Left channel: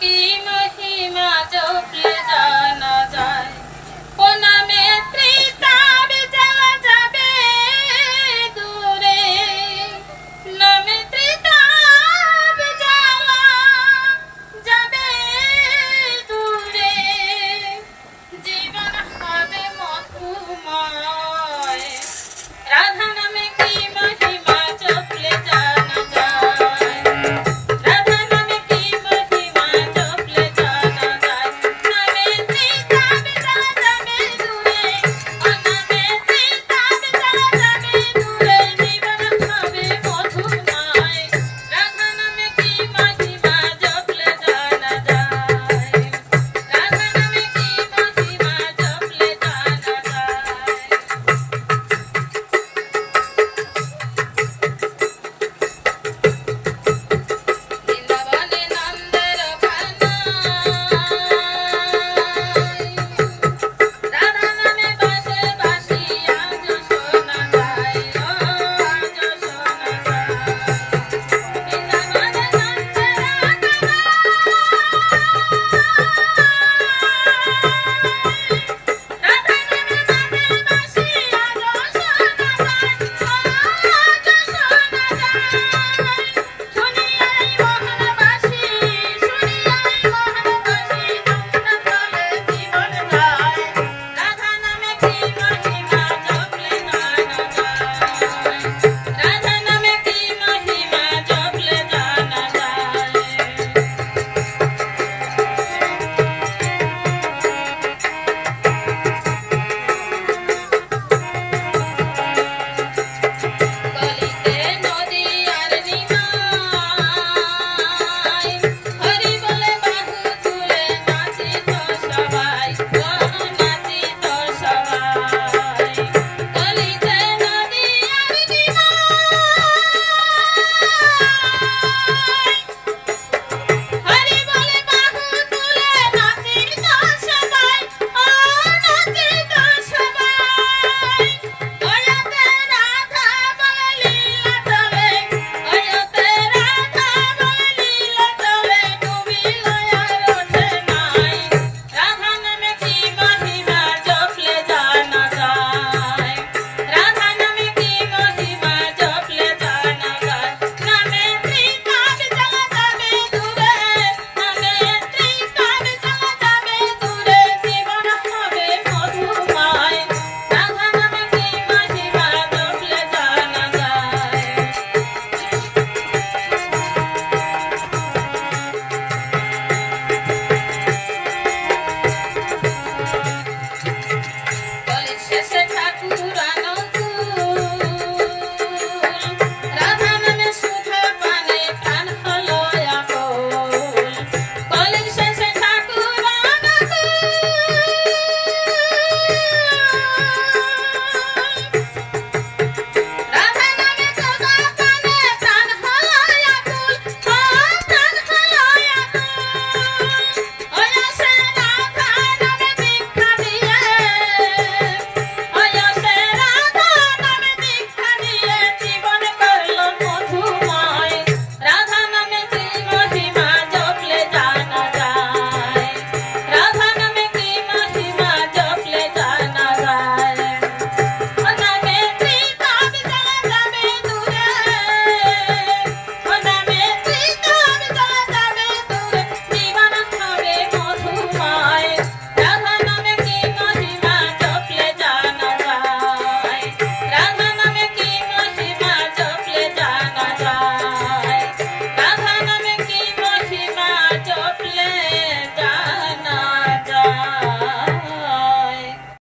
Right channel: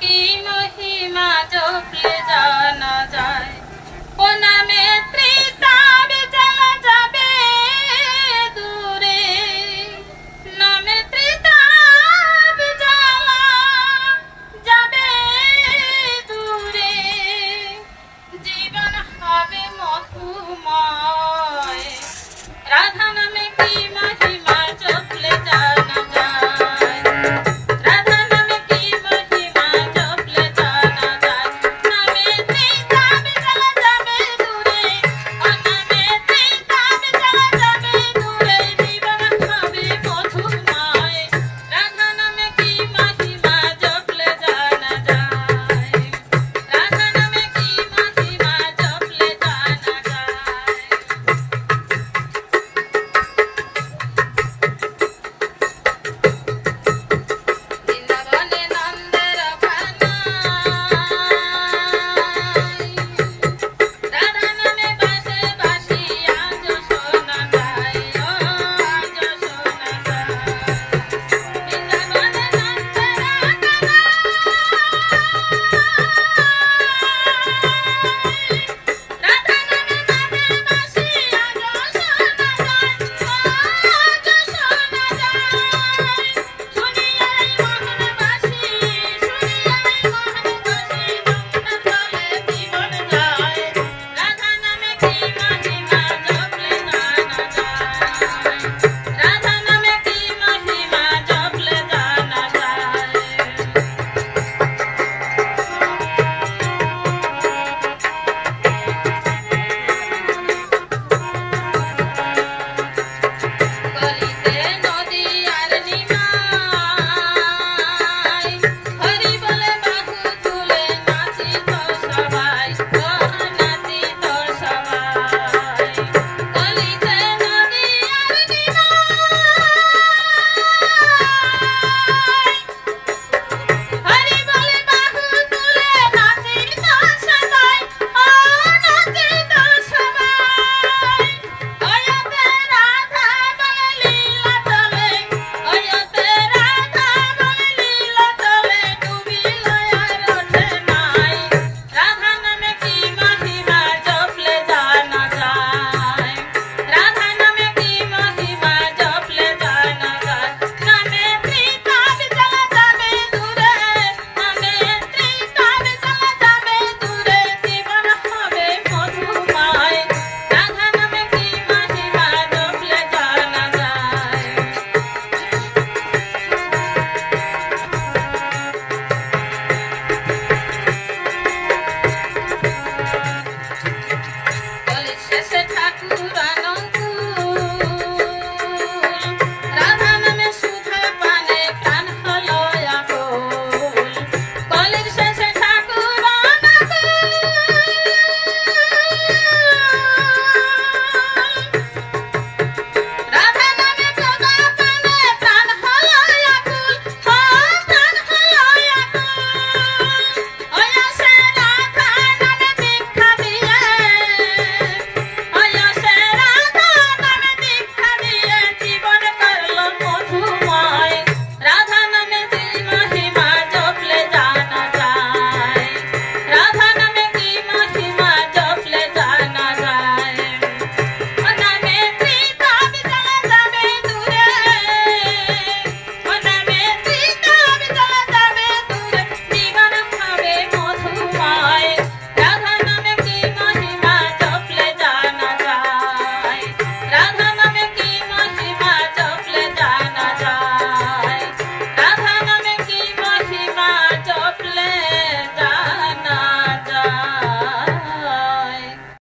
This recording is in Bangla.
কি মহিমা জপলে জানা যায়।